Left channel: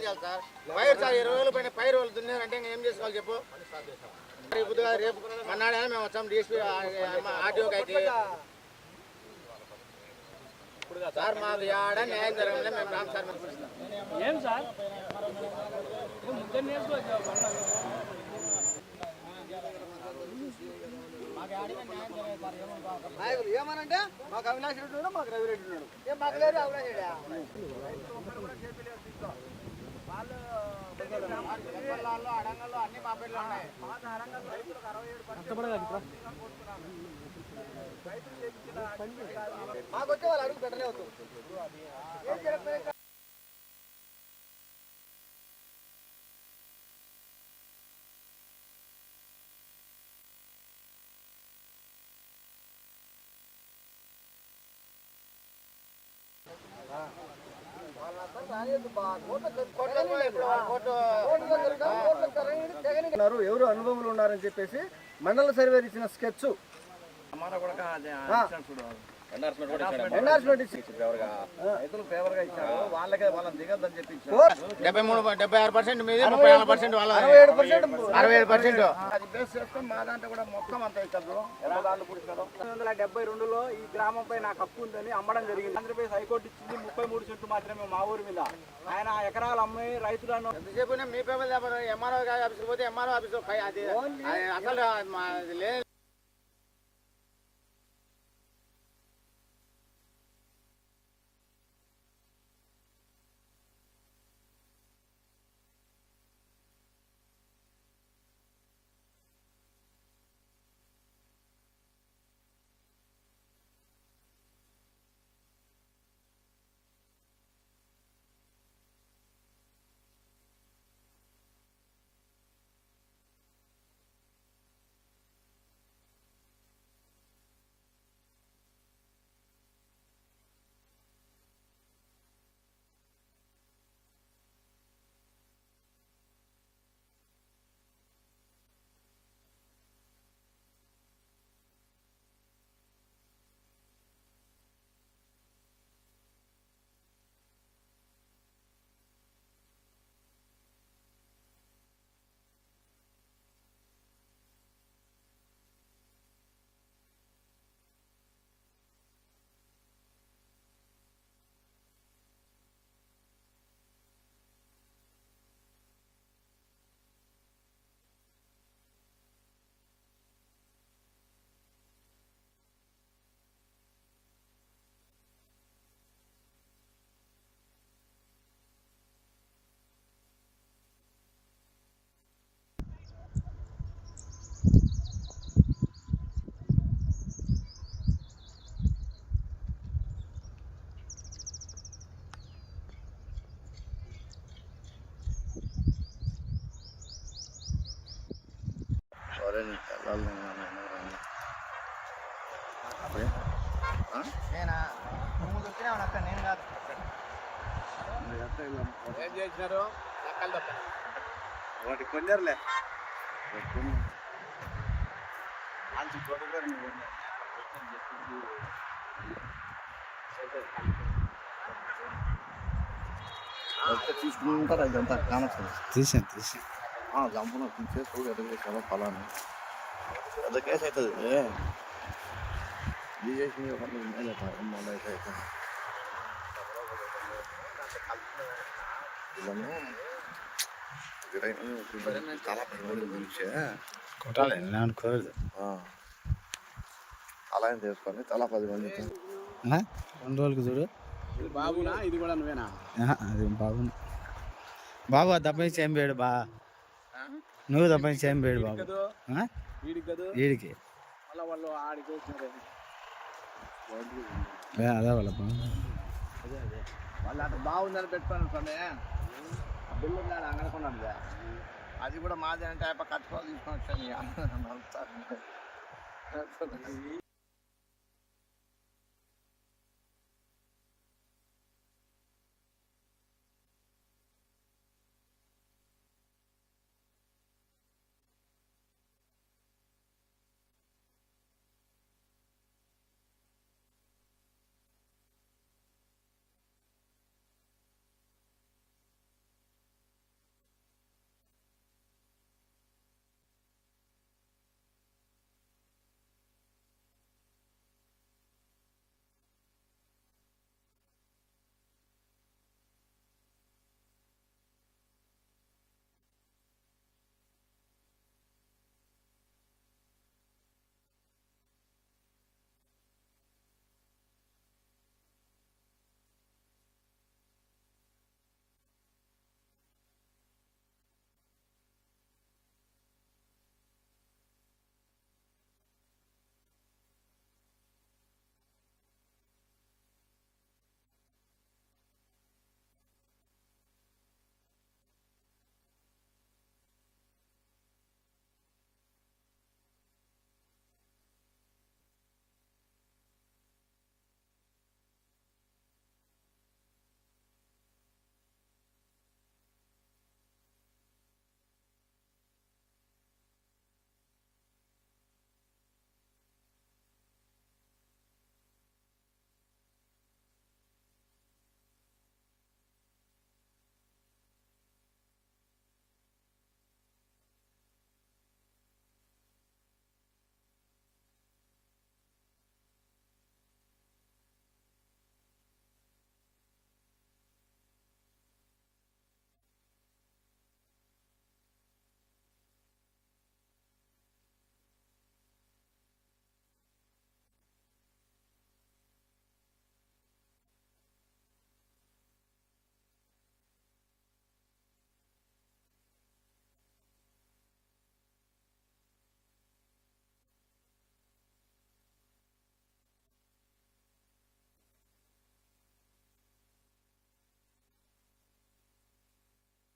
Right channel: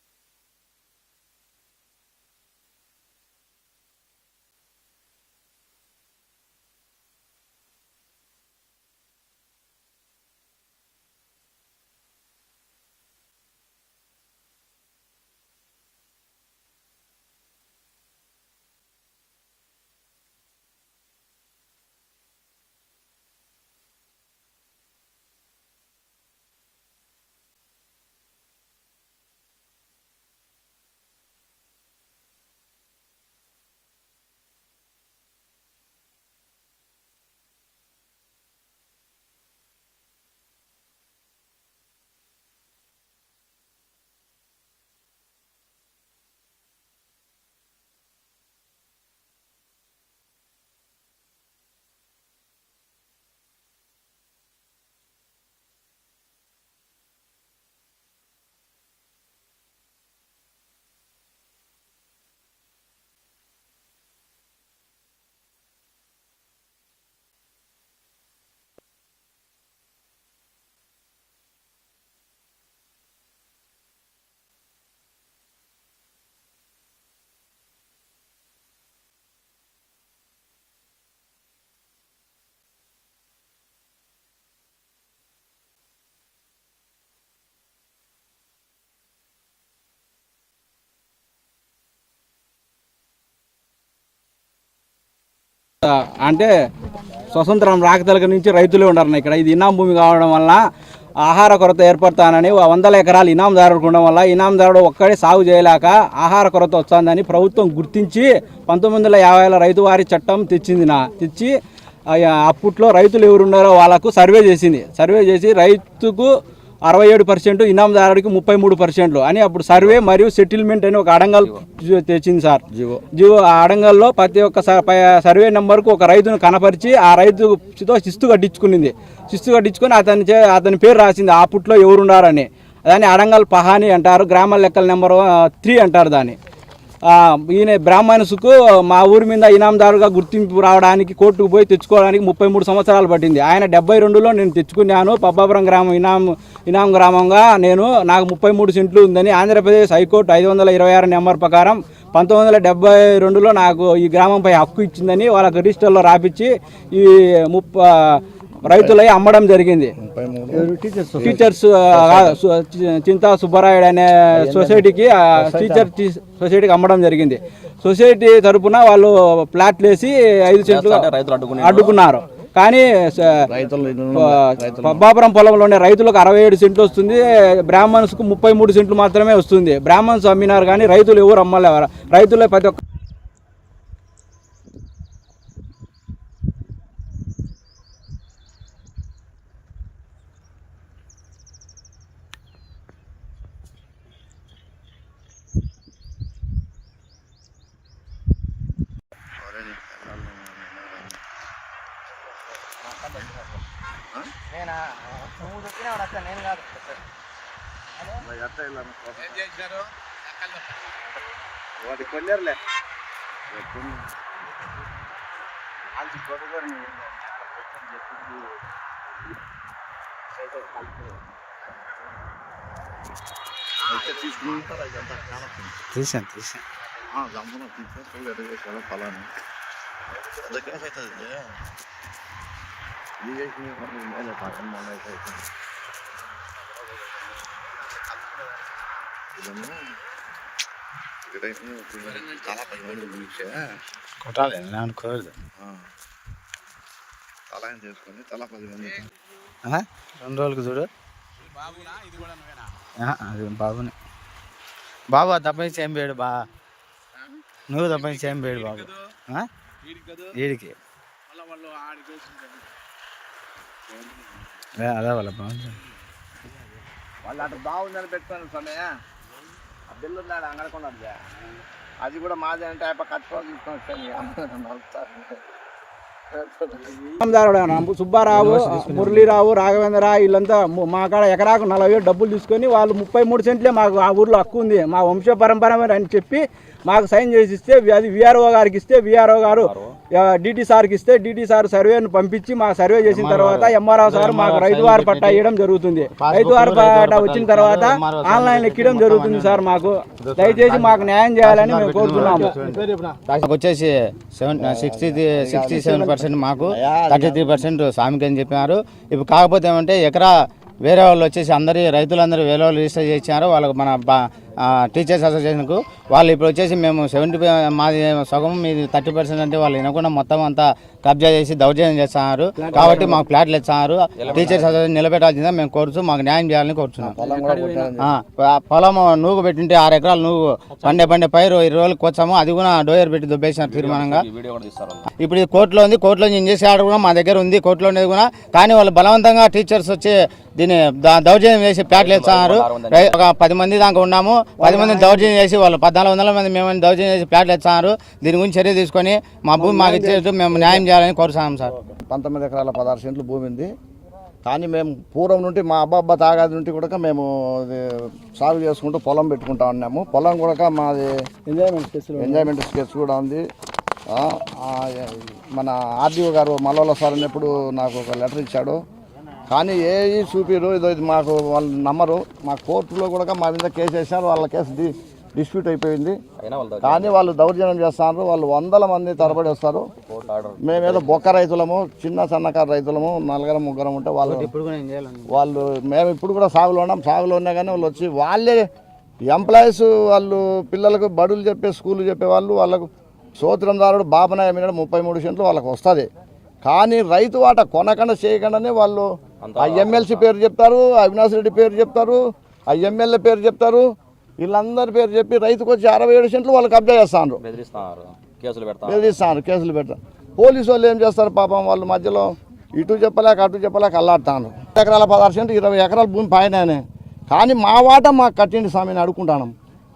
చేయాలి సార్. పైరు సార్ ఇరవై వేలు పైన పైరు వాళ్ళు దున్నారంటే ఇంకా ఏం చేసుకోవాలి చెప్పు? రేపు మన్నాడైనా మేము వచ్చాం డిఎస్పీ ఆర్టీఓకి అయితే సార్ మాకు ఆడ న్యాయం జరగలే మేము రామ్ సార్. ఏం సార్? నాయకులు ఏమనంటే మాకు అవినాష్ రెడ్డి ఉన్నాడు మాకు రవి రెడ్డి ఉన్నాడు. ఏం మాకు లేదు అవినాష్ రెడ్డి వాళ్ళు అడంగల్లో అన్ని మా పేర్లు ఉన్నాయి మాకు వచ్చే వాళ్ళు అడుగు పెట్టనే అవుతుంది ఎవరు అనుభవం ఉన్నారని చెప్పేసి మండల సర్వే ఇచ్చిన స్కెచ్. డెబ్బై మూడు డెబ్బై ఆరు పర్సెంట్ మీది ముప్పై నాలుగు పర్సెంట్ వాళ్ళ అరవై ఏడు పర్సెంట్ అరవై ఏడు పర్సెంట్. అది బేస్ చేసుకొని మా దాంట్లో కూడా మొత్తం అంతా పంతొమ్మిది వందల డెబ్బై రెండులో ఈ గ్రామంపై నాకు హక్కు ఉందని అమ్మడం జరిగింది. ఆంధ్రప్రదేశ్ హైకోర్టు ఇచ్చింది ముప్పై మూడు సెంట్లు మాత్రమే మా ఊరి మీద. ఆయన ఎకరాలు అమ్మి రైతులను ఎంతసేపు మీ పేపర్ ఎంఆర్ఓ ఆఫీస్కి పోతే ఎంఆర్ఓ ఆఫీస్ అసలు అంటే స్వతంత్రం రాకతలక నుంచి రైతులే ఉండరు ఇక్కడ. ఇది ఇనాం భూమి కావడం వల్ల ఆహార కొరత ఏర్పడతానని వందల ఎకరాలు ఇనాందారుడు ఉండడం వల్ల ఇనాందారుడు ఒక్కడే సాగు చేయలేక ఆహార కొరత వస్తుందని ప్రభుత్వం గుర్తించి పంతొమ్మిది వందల యాభైలో రైతు వారి చట్టం తెచ్చింది నా తెచ్చి అప్పట్లో రైతులు ఎవరున్నారో వాళ్ళకు సర్వే చేసింది. సర్వే చేసి రైతుకు అరవై ఏడు పర్సెంట్ ఇనాందారుడికి ముప్పై మూడు పర్సెంట్లు అని అప్పుడు సర్వే మరియు సెటిల్మెంట్ అని ఒక అడంగల్ తెచ్చింది సార్. జీవో జీవో ఆ అడంగల్లో ప్రతి ఒక్క సర్వే నెంబర్కు ఒక రైతును కనపరిచి ఆ రైతుతో శిస్తు కట్టించుకునింది. శిస్తు కట్టించుకొని అతని అతని పేరు రాసింది ఆ పుట్లో ఎవరు ఉన్నారని దాన్ని అడంగల్ పహాని అంటారు గ్రామ లెక్కల నెంబర్ త్రీ అంటారు దాన్ని. ఈయన బ్రాహ్మణ్స్కు మా ఊరి మీద ఇనాందారుగా గుర్తింపు రావడానికి కోర్టుకు పోయి తెచ్చుకోవడానికి ముప్పై మూడు సంవత్సరాలు పట్టింది. ఆయన డెబ్బై రెండులో నేను తెచ్చుకున్నాను. పబ్బాపురం గ్రామం ఇనాం ఇనాం గ్రామంగా నేను నాకు ముప్పై మూడు సెంట్లు ఉందని ఆంధ్రప్రదేశ్ హైకోర్టు ఐదు వందల ఇరవై ఆరు నెంబర్ ప్రకారం పంతొమ్మిది వందల డెబ్బై రెండులో నాకు ఈ గ్రామంపై హక్కు ఇచ్చిందని వాళ్ళకి రిజిస్టర్లో రాపిచ్చి ఈ ముప్ప రైతులై అమ్మడం జరిగింది. టీచర్స్ చింతా సుబ్బరాయుడు అనే సొసైటీకి టీచర్ సొసైటీకి అమ్మడం జరిగింది. సొసైటీ తరపున వాళ్ళు ప్లాట్లు వేసి ఐదు సెంట్లు అడ్డుకున్నారు. కానీ పబ్బాపురం పొలంలోనే రైతులకు అరవై ఏడు సెంట్లు వస్తుంది. బ్రాహ్మణ్స్కు ముప్పై మూడు సెంట్లు మాత్రమే వస్తుంది. బ్రాహ్మణ్స్ అమ్మినారు కానీ రైతులు ఎవరు అమ్మలేవారు? రైతులే ప్రతి ఒక్క నేనా నువ్వు చెప్పినా అట్లా నేను కాదు. ఏం చేసినారు? లెక్కలు తప్ప. వాటి కొన్నేరులే తీసుకుంటారు ఇదంతా కానొస్తుంది తీసాను తీసాను లంపలో తీసేసి అడిగేసాను ఫలాన్ని పెద్ద కేసు అవుతుంది ఇది చేసిన మేలే ఎమ్మ అయితే కొట్టాలి అనుకోలేదు అలా చేసుకొని తలా పది మంది ఆ? రెండు రోజులకి చూడు ఆహా, అది బాబుని బాబు తప్పించి ఏం పేడు బా నువ్వు తప్పించి ఏం పేడు బాబు? వీడికి అదే వాళ్ళ బాగుంది. వాళ్ళు అటు బాగుందని పెట్టుకొని స్వామి. ఆ బిల్లు ఉన్నాడు అంగడకున్నాడు అది కూడా మాదే అంటే అయిపో కట్టుకొని తీసుకొని వచ్చాను ఇనాందారుడు సుబ్బారావు మురళీరావు రాఘవేంద్ర వీళ్ళంతా ము- కాడ ఎకరాకు నలభై డబ్బులు తీసుకొని వాళ్ళు ముప్పై మూడు సెంట్లే మాకు ఆ ఊర్లో హక్కు ఉంది. మా వంశ పరంపర అని చెప్పి మాకు సైన్ చేసి ఇస్తే అది విఆర్ఓ గారికి ఇస్తే విఆర్ఓ గారు డిటి సార్కి ఇస్తే డిటి సార్ సర్వేను పంపించి మా సర్వే చేసిన తర్వాత ఎంఆర్ఓ సార్ మాకు రైతు వారి పట్టా ఇవ్వడం జరుగుతుంది. రైతు వారి పట్టా వచ్చిన తర్వాత ఆన్లైన్ ఎక్కడం జరుగుతుంది సార్ మాకు. దయచేసి మాకు న్యాయం చేయాలని మేము కోరుతున్నాము. వచ్చేసి seven sixty sixty seven percent మాకు థర్టీ త్రీ పర్సెంట్ స్వామికి అని చెప్పినారు. ఇప్పుడు కాకపోతే ఏమంటే ఎకరా వేరే వాళ్ళు వచ్చేసి అందరి రైతులందరూ వేరే వాళ్ళు రిజిస్టర్ చేసినారు. వాళ్ళకు మన టీచర్స్ అసోసియేషన్కు వాళ్ళు ఇప్పుడు వచ్చేసి మేము సెవెంటీ మాది సగం మీది థర్టీ పర్సెంట్ అంటే వాళ్ళు వినకుండా మొత్తం అంతా కబ్జా చేసి దౌర్జన్యం చేస్తున్నారు. కాబట్టి మాకు ఫ్లాట్లు ఇస్తున్నారు టీచర్స్ అసోసియేషన్ నిలబెట్టాల్సిందే మేము కోరుచు మాకు న్యాయం చేయాలని కోరుచున్నాం పొలం కూడా కొట్టారని ఆ, ప- పొలం నూగు పెట్టింటే ఆరు ఎకరాలు నూగు. పండే పండే పైరు ఇరవై రోజులకు వచ్చాము అది కూడా డోయర్ పెట్టి దుబ్బేసినారు తీర్మానంగా. ఇప్పుడు ఇది కోర్టులో ఉంది. కోర్టులో నుంచి చేసే ఆర్డర్ కూడా మా దగ్గర ఉంది. కోర్టులో ఉండేది కూడా. కానీ వాళ్ళు బలవంతంగా టీచర్స్ వచ్చి దీన్ని దౌర్జన్యం చేసి ప్యాట్లు ఇస్తున్నారు ఒక పది మంది దాకా ఉన్నాము. పది మంది దౌర్జన్యం చేసి వాళ్ళు పద్నాలుగు వందల మంది మేము దౌర్జన్యం చేసి ప్యాట్లు ఇస్తున్నారు దీని గురించి చర్య తీసుకొని మా భూమి మాకు ఇచ్చేట్టు మేము న్యాయం చేయాలని కోరుతున్నాం సార్. పంతొమ్మిది ఎకరాల పదహారు సెంట్లు భూమి ఉంది. కానీ మేము పూర్వం నుండి మా అబ్బాబ్బా తాగాది నుండి కూడా మేము సాగు చేసుకుంటూ పొలం పెట్టుకుంటా ఉన్నాము. పొలం కూడా మాది ఎంజాయ్మెంట్ స్కెచ్ కూడా ఉంది. మన ఆర్డీఓ గారు మల్లవల సార్ అన్నప్పుడు నాకు ఒక లెటర్ ఇచ్చాడు. కానీ ఏ చూపిరు ఇదో ఇది మాకు వాళ్ళు నమ్మరు. మా కోర్టులో కూడా మా మీద కేసు వేసినారు వాళ్ళ కేసు డి డిస్ప్యూట్ అయిపోయింది. కానీ వాళ్ళు దౌర్జన్యం చేస్తున్నారు వాళ్ళు వందల మంది తరబడి వస్తారు. మేమేదో బొక్క రైతులము చిన్న సన్నకారు రైతులము నలుగురం ముగ్గురం ఉంటే వాళ్ళు ఇప్పుడు కూడా ఏం చేయాలని వాళ్ళు మేము ఇప్పుడు కూడా సాగులో ఉన్నాం సాగులో ఉన్నా కానీ వాళ్ళు వచ్చి వాళ్ళే ఎంప్లాయీస్ వాళ్ళు పిల్లలకు బడులు చెప్పే స్కూల్ చెప్పే వాళ్ళు వాళ్ళకు సోత్రందారుడు బాబనాయ మీద ముప్పై మూడు సెంట్లు వాళ్ళకి వస్తుంది. కానీ రైతు వాట కొనకుండా చేయకుండానే వాళ్ళు ఆ ఎమ్మెల్సీ పేరు చెప్తారు అవినాష్ రెడ్డి పేరు చెప్తారు ఆ ఎమ్మెల్యే పేరు చెప్తారు వీళ్ళందరి పేరు చెప్పి రైతుకు వచ్చి అరవై ఏడు సెంట్లు వాళ్ళు కబ్జా చేస్తాను బెదిరిస్తాను కేసులు పెడతారు. పోలీసు వాళ్ళు ఏం చేస్తారు పాపం వాళ్ళు మధ్యలో ఇటు చెప్పలేక అటు చెప్పలేక అల్లాడుతాను ఎకరాల పదహారు సెంటు ఇరవై ఎకరాల భూమి పైన కానీ మా వాట మాకు కట్టిండి స్వామిని అడుక్కుంటాను.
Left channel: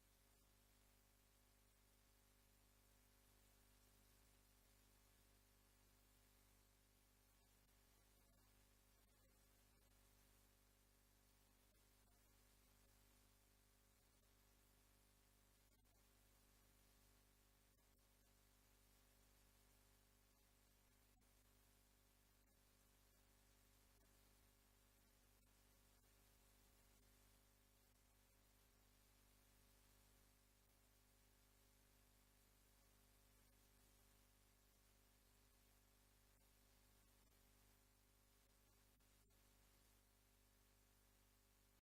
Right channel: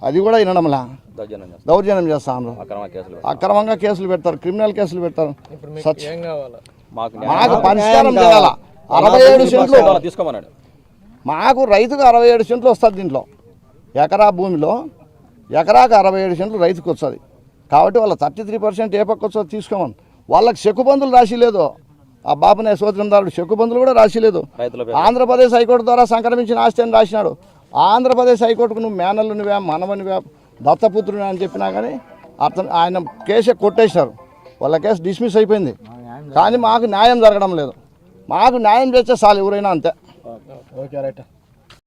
అది కూడా వినడంలా. దౌర్జన్యం చేస్తాం దౌర్జన్యం చేస్తాను అక్రమ కేసులు అక్రమంగా కేసులు పెడతారు క్రిమినల్ కేసులు పెడతారు. మాకు పరిష్కారం చేయాల? అరవై ఏడు సెంట్లు. తీసుకోమన్నాడు. మాకు రైతుకు అరవై ఏడు సెంట్లు వస్తుంది దీంట్లో. ఎకరా భూమిలో ఎకరాకు అరవై ఏడు సెంట్లు రైతుకు వస్తుంది. కాబట్టి వాళ్ళ థర్టీ త్రీ పర్సెంట్ ఏ పక్క వస్తుందో తీసుకోమని. వాళ్ళకి చెక్కుబందులు రాసి లేదు. ఆ బాబునే సోదరందారుడు చెక్కుబందులు కూడా రాసి లేదు. ఆంధ్రప్రదేశ్ హైకోర్టు ద్వారా సంక్రమించిన ఆస్తి అని రాసినాడు. ఆంధ్రప్రదేశ్ హైకోర్టుకు నువ్వు మేనల్లు నువ్వే మనవనివే దత్తపుత్రుని అని చెప్పినా కానీ అతను ఆయన కేసే కొట్టేశారు వాళ్ళ కేసు డిస్మిస్ అయిపోయింది. కానీ మాకు న్యాయం జరగడం లేదు. మాకు న్యాయం చేస్తే చాలు ఎవరైనా అంతే. Okay right.